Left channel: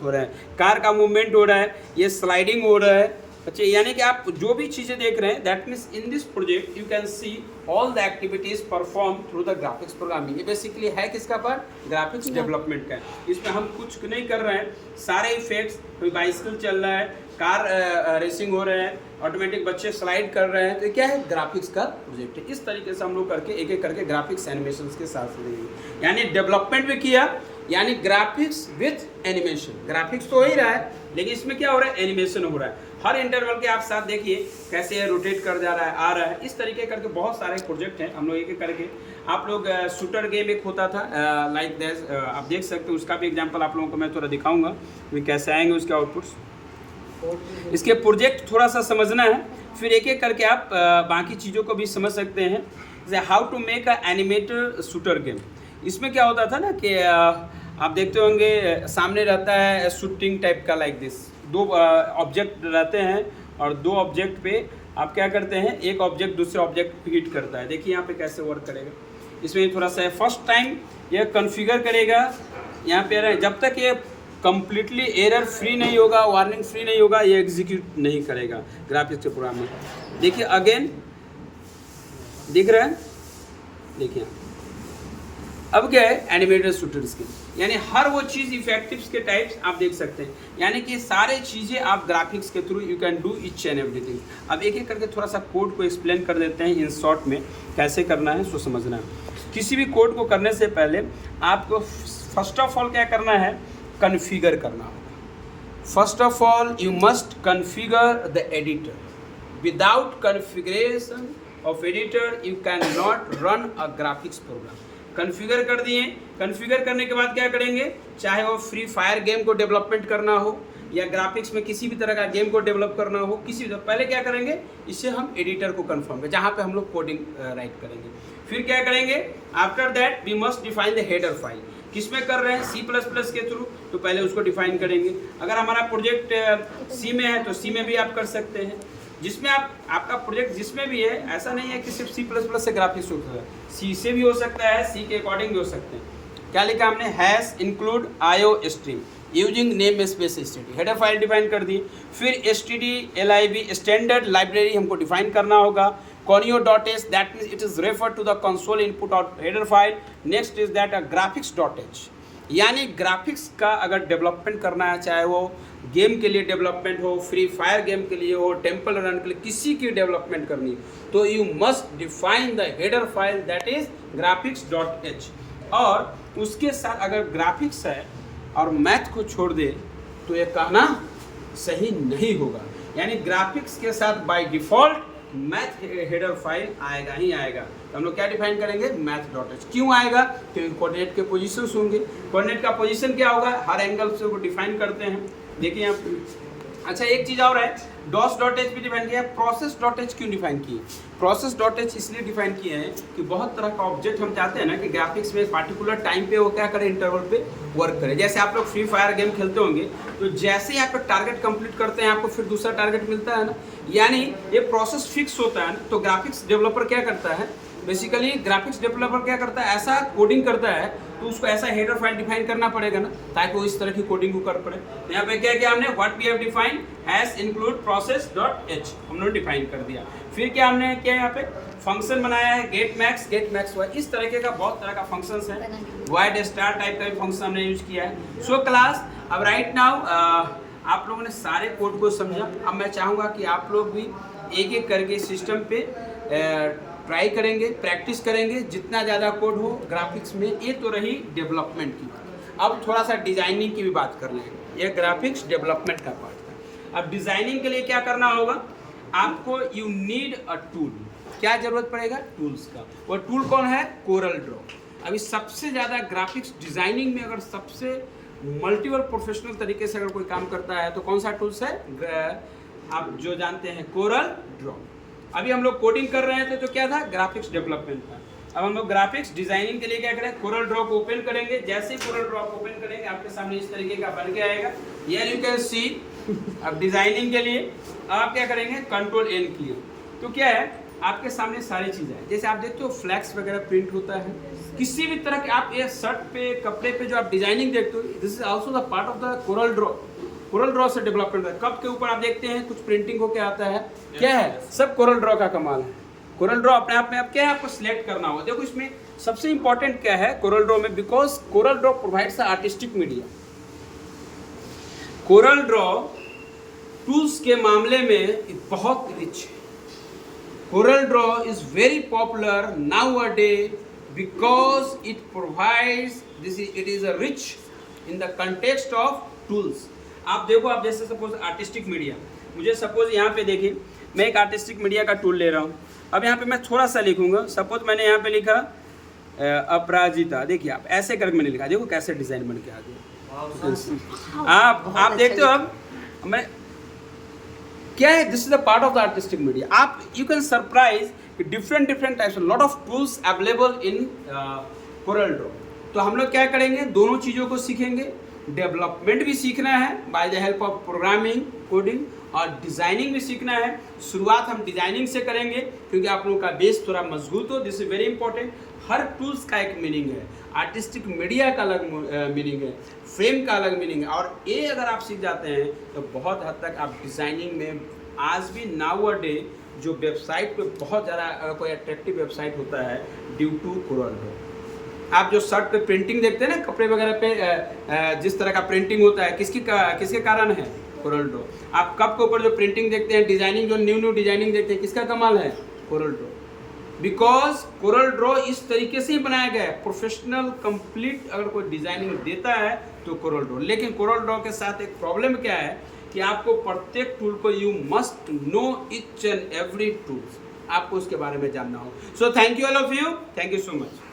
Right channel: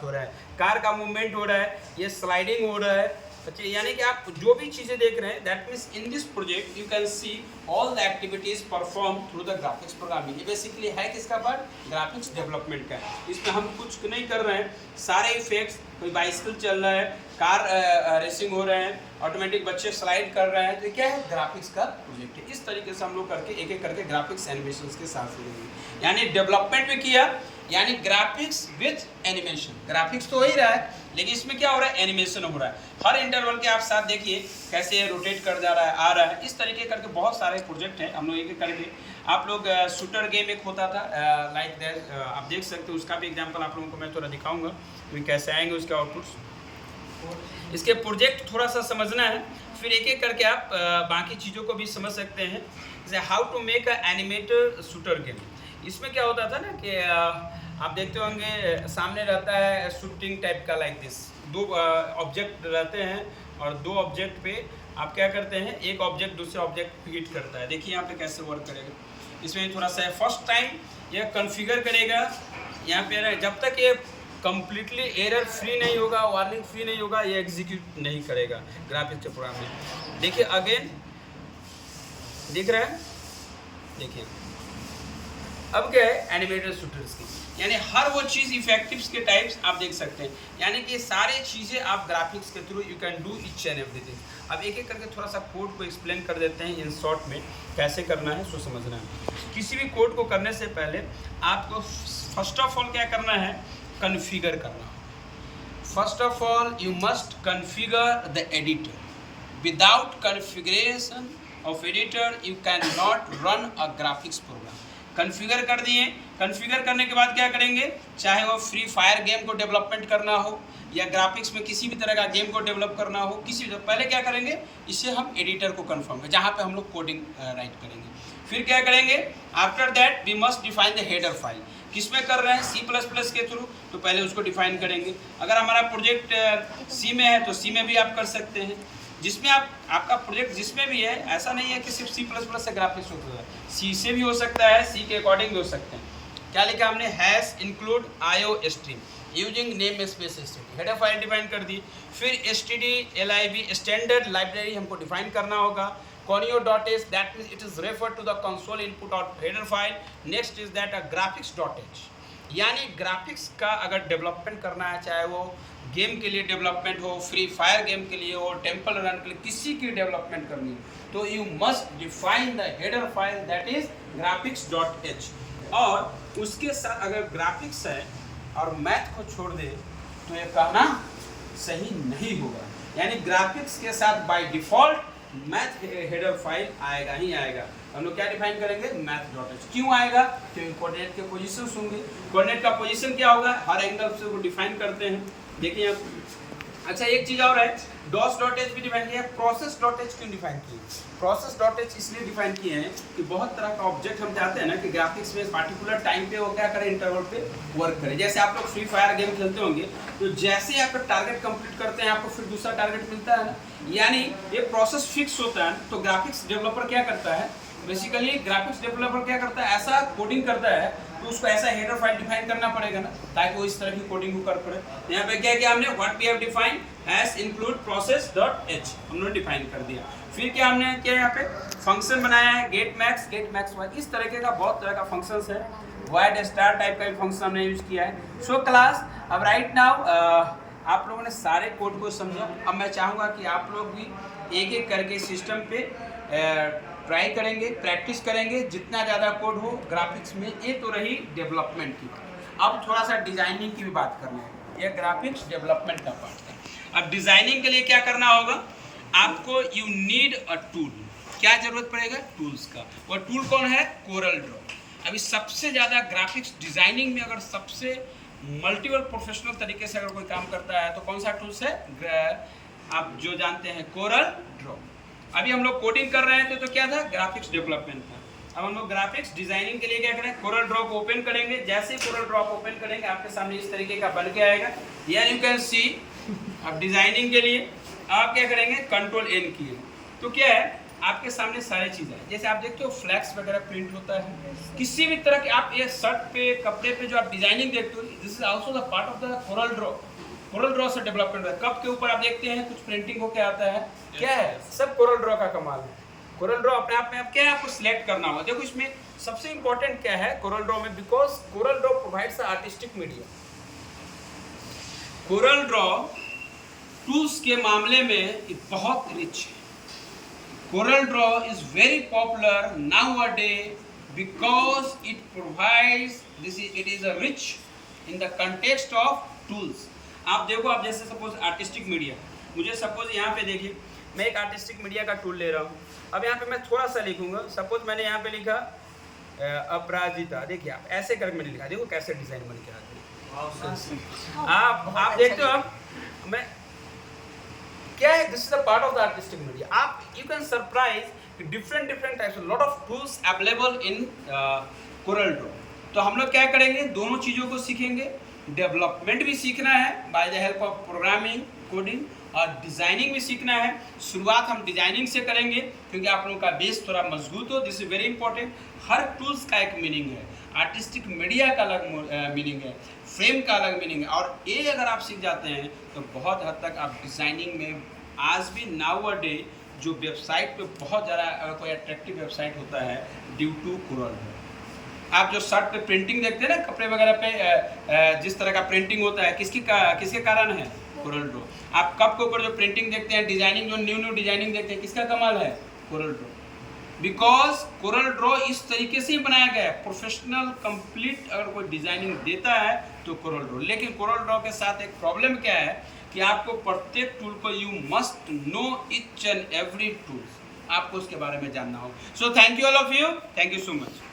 बात हो रहा है, कार का मूवमेंट हो रहा है, ये स्लाइडिंग हो रहा है। अच्छा, यानी कि आप जो भी चीज़ें देख रहे हैं, that means in this project you can see all the activities perform through the graphics programming. ये बेसिकली है किसका पार्ट? ग्राफिक्स डेवलपमेंट का। इसमें हम कुछ नहीं कर रहे हैं, सारे इफेक्ट्स, कोई बाइसिकल चल रहा है, कार रेसिंग हो रहे हैं, ऑटोमेटिक बच्चे स्लाइड कर रहे हैं, तो क्या है? ग्राफिक्स का प्रोजेक्ट है। इस तरीके से हम लोग करके एक एक करके ग्राफिक्स एनिमेशंस के साथ जुड़ेंगे, यानी डेवलपमेंट भी किया, यानी ग्राफिक्स विथ एनिमेशन। ग्राफिक्स तो हो ही रहा है, लेकिन इसमें क्या हो रहा है? एनिमेशन हो रहा है। हर इंटरवल के आप साथ देखिए कैसे ये रोटेट कर जा रहा है, आ रहा है। इस तरीके करके बहुत सारे प्रोजेक्ट हैं हम लोग एक एक करके। आप लोग शूटर गेम एक होता था लाइक दैट, आप देख सकते हो, उसका भी एग्जांपल आप लोगों को मैं थोड़ा दिखाऊंगा कि कैसे आएंगे उसके आउटपुट्स। इसके प्रोजेक्ट थोड़ा सा समझना है, फिर एक एक करके आप बाकी चीज़ों को भी समझ सकते हैं। जैसे how to make a animated shooter game. इसमें क्या होता था ना कि आप देखते होंगे सामने रहता है शूटिंग टाइप का, लाइक दिस, दो ऑब्जेक्ट रहते हैं और दो ऑब्जेक्ट पे आप क्या करते हैं, एक ऑब्जेक्ट दूसरे ऑब्जेक्ट पे हिट करता है। देखिए यहाँ पे कैसे वर्क करेगा। इसमें थोड़ा सा फर्स्ट टाइम यह कॉन्फ़िगर करेगा, यहाँ पे जब तक ये कंप्लीटली एरर फ्री नहीं होगा, वार्निंग फ्री नहीं होगा, ये एग्जीक्यूट नहीं करेगा ग्राफिक्स के प्रोग्राम में। देखिए अगेन, दिख रहा है, देखिए अब क्या है? एनिमेटेड शूटर्स की, यानी हर वो चीज़ इफेक्टिव्स के टाइप्स आप देख सकते हैं, यानी कि सारे चीज़ें आप ग्राफिक्स के through you can do each and everything. अब एक एक करके थोड़ा सा कोड को एक्सप्लेन कर देते हैं इन शॉर्ट में, कैसे करना है सो समझना है। किसी भी कोड को करने से पहले आपको फर्स्ट ऑफ ऑल क्या करना है? कॉन्फ़िगर करना। First of all you must configure the editor. Without configuration of editor you can not run a graphics program. Configure कर दिए, कॉन्फ़िगर करने के बाद क्या करेंगे? चाहे वो फ्री फायर गेम को डेवलपमेंट करना हो या ग्राफिक्स में किसी भी तरह का गेम को डेवलप करना हो, किसी भी, पहले क्या करेंगे? इससे हम एडिटर को कन्फर्म करें, जहाँ पे हम लोग कोडिंग राइट करेंगे। फिर क्या करेंगे? After that we must define the header file. किस में कर रहे हैं? C++ के थ्रू, तो पहले उसको डिफाइन करेंगे। अगर हमारा प्रोजेक्ट C में है तो C में भी आप कर सकते हैं। जिसमें आपका प्रोजेक्ट जिसमें भी है, ऐसा नहीं है कि सिर्फ C++ से ग्राफिक्स होता है, C से भी हो सकता है, C के अकॉर्डिंग भी हो सकते हैं। क्या लिखा हमने? Hash include IO stream using name space std। Header file define कर दी। फिर std.lib स्टैंडर्ड लाइब्रेरी हमको डिफाइन करना होगा। conio.h that means it is referred to the console input or header file. Next is that a graphics.h, यानी graphics का अगर development करना है, चाहे वो गेम के लिए डेवलपमेंट हो, फ्री फायर गेम के लिए हो, टेम्पल रन के लिए, किसी की डेवलपमेंट करनी है, तो you must define the header file that is graphics.h। और उसके साथ अगर ग्राफिक्स है और मैथ को छोड़ दे तो ये कहना सही नहीं होगा, यानी ग्राफिक्स के साथ by default math header file आएगा ही आएगा। तो हम लोग क्या डिफाइन करेंगे? मैथ.h। क्यों आएगा? क्योंकि कोऑर्डिनेट के पोजीशंस होंगे। कोऑर्डिनेट का पोजीशन क्या होगा? हर एंगल से वो डिफाइन करते हैं। देखिए आप, अच्छा एक चीज़ और है, DOS.h भी डिफाइन किया है। प्रोसेस.h क्यों डिफाइन किए? प्रोसेस.h इसलिए डिफाइन किए हैं कि बहुत तरह का ऑब्जेक्ट हम चाहते हैं ना कि ग्राफिक्स में पार्टिकुलर टाइम पे वो क्या करें? इंटरवल पे वर्क करें। जैसे आप लोग फ्री फायर गेम खेलते होंगे, तो जैसे ही आप टारगेट कंप्लीट करते हैं, आपको फिर दूसरा टारगेट मिलता है ना, यानी ये प्रोसेस फिक्स होता है। तो ग्राफिक्स डेवलपर क्या करता है? बेसिकली ग्राफिक्स डेवलपर क्या करता है? ऐसा कोडिंग करता है, तो उसको ऐसा हेडर फाइल डिफाइन करना पड़ेगा ना, ताकि वो इस तरह की कोडिंग को कर पड़े। यहाँ पे क्या किया हमने? What we have define hash include प्रोसेस.h हमने डिफाइन कर दिया। फिर क्या हमने किया? यहाँ पे फंक्शन बनाया है, गेट मैक्स वाई, इस तरीके का बहुत तरह का फंक्शंस है। वाइड स्टार टाइप का भी फंक्शन हमने यूज किया है। सो क्लास, अब राइट नाउ आप लोगों ने सारे कोड को समझा। अब मैं चाहूँगा कि आप लोग भी एक एक करके सिस्टम पे ट्राई करेंगे, प्रैक्टिस करेंगे, जितना ज़्यादा कोड हो ग्राफिक्स में। ये तो रही डेवलपमेंट की। अब थोड़ा सा डिज़ाइनिंग की भी बात कर लेंगे। ये ग्राफिक्स डेवलपमेंट का पार्ट है। अब डिज़ाइनिंग के लिए क्या करना होगा? आपको यू नीड अ टूल। क्या ज़रूरत पड़ेगा? टूल्स का। वो टूल कौन है? Corel Draw. अभी सबसे ज़्यादा ग्राफिक्स डिज़ाइनिंग में अगर सबसे मल्टीपल प्रोफेशनल तरीके से अगर कोई काम करता है तो कौन सा टूल्स है? आप जो जानते हैं, कोरल ड्रॉ। अभी हम लोग कोडिंग कर रहे थे तो क्या था? ग्राफिक्स डेवलपमेंट था। अब हम लोग ग्राफिक्स डिजाइनिंग के लिए क्या करें? कोरल ड्रॉ को ओपन करेंगे। जैसे ही कोरल ड्रॉ को ओपन करेंगे, आपके सामने इस तरीके का बन के आएगा, यानी यू कैन सी। अब डिजाइनिंग के लिए आप क्या करेंगे? कंट्रोल N किए तो क्या है? आपके सामने सारी चीज़ें हैं। जैसे आप देखते हो फ्लैक्स वगैरह प्रिंट होता है, किसी भी तरह के आप ये शर्ट पे कपड़े पे जो आप डिजाइनिंग देखते हो, this is also the part of the Corel Draw. Corel Draw से डेवलपमेंट है। कप के ऊपर आप देखते हैं कुछ प्रिंटिंग होके आता है, क्या है, सब कोरल ड्रॉ का कमाल है। कोरल ड्रॉ अपने आप में आप क्या है, आपको सिलेक्ट करना होगा। देखो इसमें सबसे इंपॉर्टेंट क्या है कोरल ड्रॉ में, because Corel Draw provides artistic media. Corel Draw tools के मामले में बहुत रिच है। Corel Draw is very popular now a day because it provides it is a rich in the context of tools. आप देखो, आप जैसे सपोज आर्टिस्टिक मीडिया, मुझे सपोज यहाँ पे देखिए मैं एक आर्टिस्टिक मीडिया का टूल ले रहा हूँ। अब यहाँ पे मैं थोड़ा सा लिखूंगा, सपोज मैंने यहाँ पे लिखा अपराजिता। देखिए आप ऐसे करके मैंने लिखा, देखो कैसे डिजाइन बन के आ गया। आप देखते हो, अब मैं क्या है, this is a part of the artistic media. आप you can surprise different types lot of tools available in Corel Draw. तो हम लोग क्या करेंगे, दोनों चीज़ों को सीखेंगे। डेवलपमेंट भी सीखना है by the help of programming coding, और डिज़ाइनिंग भी सीखना है। शुरुआत हम डिज़ाइनिंग से करेंगे क्योंकि आप लोगों का बेस थोड़ा मजबूत हो। This is very important. Her tools का एक मीनिंग है, आर्टिस्टिक मीडिया का अलग मीनिंग है, फ्रेम का अलग मीनिंग है, और ये अगर आप सीख जाते हैं तो बहुत हद तक आप डिज़ाइनिंग में आज भी नाउ अ डे जो वेबसाइट पे बहुत ज़्यादा कोई अट्रैक्टिव वेबसाइट होता है ड्यू टू कोरल ड्रॉ। आप जो शर्ट पे प्रिंटिंग देखते हैं ना, कपड़े वगैरह पे जिस तरह का प्रिंटिंग होता है, किसके कारण है, कोरल ड्रॉ। आप कप के ऊपर जो प्रिंटिंग देखते हैं, डिजाइनिंग जो न्यू डिजाइनिंग देखते हैं, किसका कमाल है, Corel Draw. Because Corel Draw इस तरीके से ही बनाया गया है, प्रोफेशनल कंप्लीट अगर कोई डिजाइनिंग देता है तो कोरल ड्रॉ। लेकिन कोरल ड्रॉ के साथ एक प्रॉब्लम क्या है कि आपको प्रत्येक टूल को you must know each and every tool, आपको उसके बारे में जानना हो। So thank you all of you, thank you so much.